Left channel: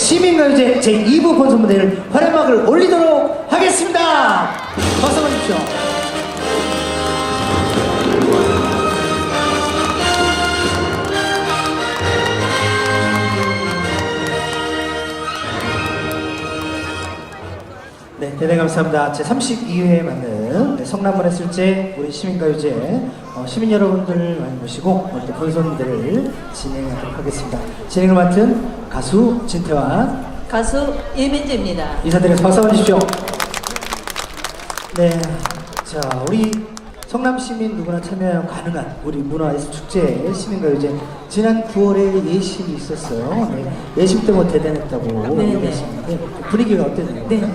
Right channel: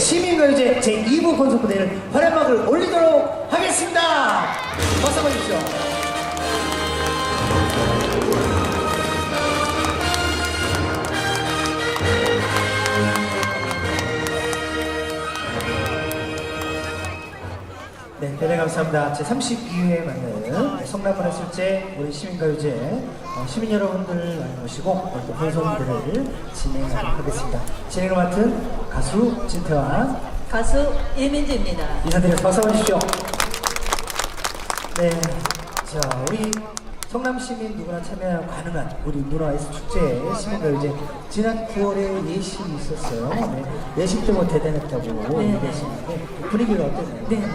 시민가요제 제2부 본선 무대를 활약막을 올리도록 하겠습니다. 박수 한번 주십시오. 네, 대단히 감사합니다. 제 32회에 맞는 성남문화 술제 우리 시민가요제 어, 시민 여러분들을 많이 모시고 이렇게 본선들을 진행하도록 하겠습니다. 진행을 맡은 가수 진태환 가수 이민지입니다. 인사드려서 박수 한번 주십시오. 네, 자 우리 성남 시민 누구나 참여 가능한 우리 문화 예술 축제 시민가요제 지난 9월에 예심이 있었어요. 네, 예심 때문에 대단했다고 네. 얘기하시는데 분위기가 어땠나요? 네.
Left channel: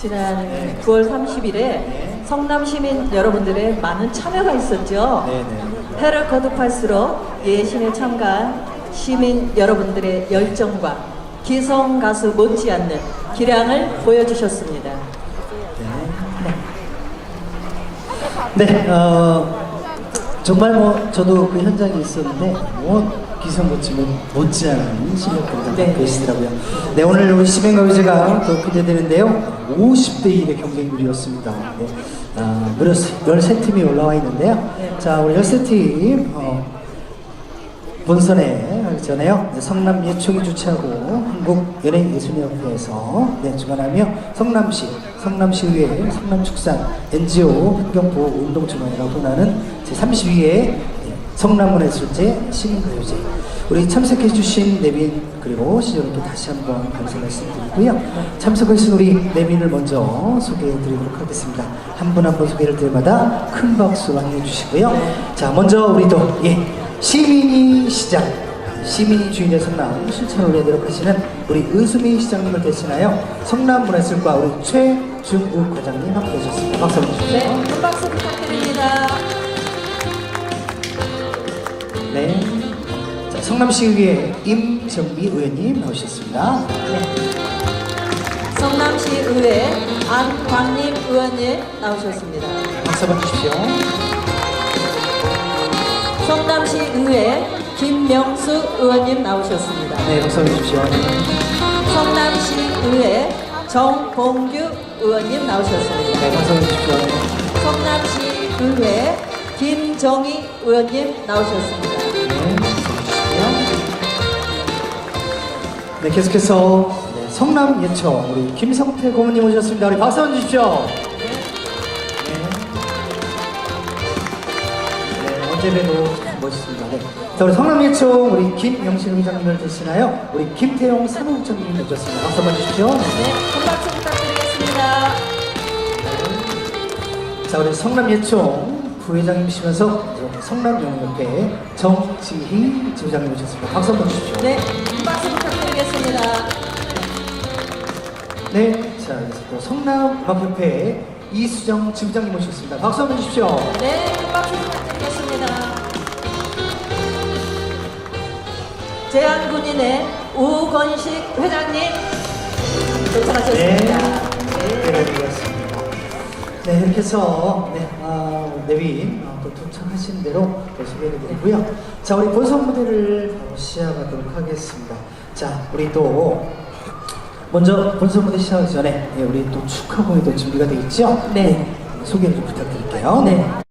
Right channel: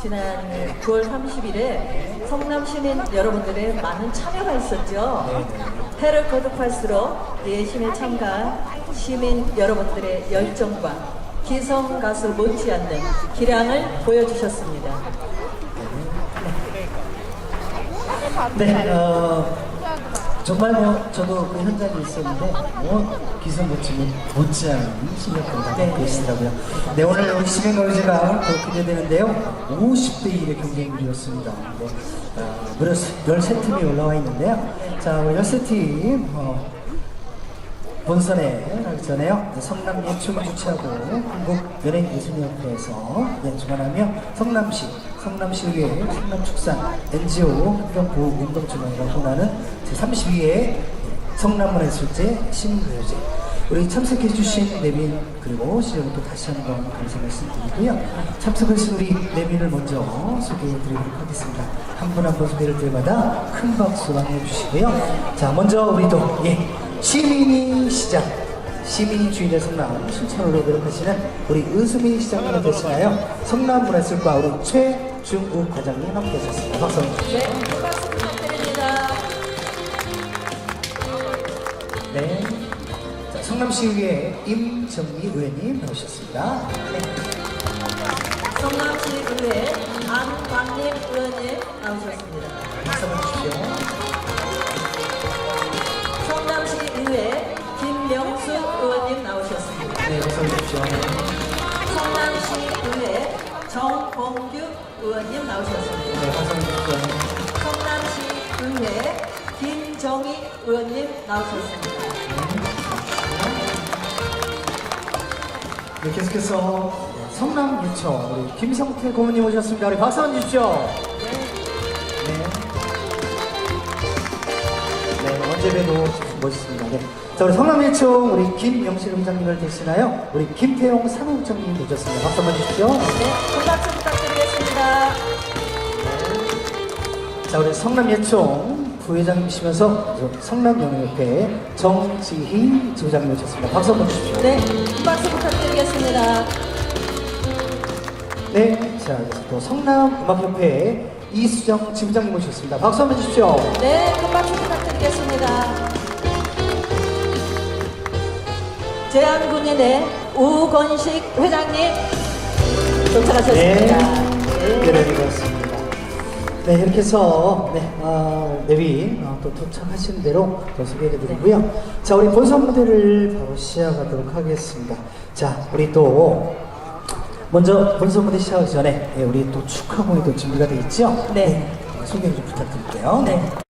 지난 9월 30일에 성남 시민 여러분들의 많은 참여가 있었죠. 네, 네. 해를 거듭할수록 예심에 참가한 시민 여러분들의 열정과 기성 가수 못지않는 기량을 보여주셨습니다. 네, 어, 정말 뭐 저도 그 현장에 있었는데 뭐 기성 못지 못, 못지않은 실력들이 네. 계시더라고요. 네, 오늘 우리 시민가요제가 또 기대되는데요. 50대 1의 경쟁률이었습니다. 네, 아, 무려 13팀이 올라와 있는데요. 자, 우리 13팀 어, 본선에 전에요. 네, 성남 예총이 주최하고 한국 연예예술협회에서 네, 주관하며 성남시, 성남시의회, 성남축산, NGO 환경보호운동주간이라고 하는 제32회 성남문예술제 시민가요제 우리 참석해주신 내빈 그리고 시청도 다시 한번 감사 말씀드리고요. 참석하신 우리 내빈을 먼저 소개해드리도록 하겠습니다. 한 분 한 분 소개를 때마다 큰 박수 많이 해주시고요. 자, 먼저 우리 또 예, 시민이 시장 시민이 주인의 성남 실천 노래대로 하시는 우리 은수미 시장님을 대신하여 성남 문화예술과 우리 최준우 과장님 함께 해주셨습니다. 박수 한번 주십시오. 네, 큰 박수 부탁드립니다. 네. 자, 성남시의회 임정미 의원님 나오셨습니다. 성남시 의회 안광림 의원님 나오셨습니다. 박수 한번 주십시오. 성남시 의회 김 명수 의원님 나오셨습니다. 네, 박수 주십시오. 성남시 의회 정봉규 의원님 나오셨습니다. 네, 박수 주십시오. 성남시 의회 김정희 의원님 나오셨습니다. 네, 계속해서 성남 예청 우리 김성태 고문님 오셨습니다. 우리 박수 한번 주십시오. 네, 봬도 멋있습니다. 네. 자, 우리 성남 예청 우리 김영실 회장님을 대신하여 우리 김태용 사무국장님 모셨습니다. 박수 한번 주십시오. 네, 큰 박수 부탁드리겠습니다. 자, 우리 성남 예총 부회장님이시면서 성남연합회 정지희 지부장님 모셨습니다. 박수 한번 주십시오. 네, 큰 박수 부탁드리겠습니다. 네, 자, 또 성남음악협회 이수정 지부장님 모셨습니다. 박수 한번 주십시오. 네, 큰 박수 부탁드리겠습니다. 제한군인의 우건식 회장님 도착하셨습니다. 네, 드렸습니다. 네, 이렇게 해서 네, 아, 내위 아, 또 도착하신 대로 또 소개해 드리고요. 자, 우리 본선 무대를 바로 시작하도록 하겠습니다. 자, 우리 또 먼저 본선 무대 시작하기 전에 네, 우리 또 축하 공연도 준비가 되어 있죠? 네. 소개 좀 부탁드릴게요. 네.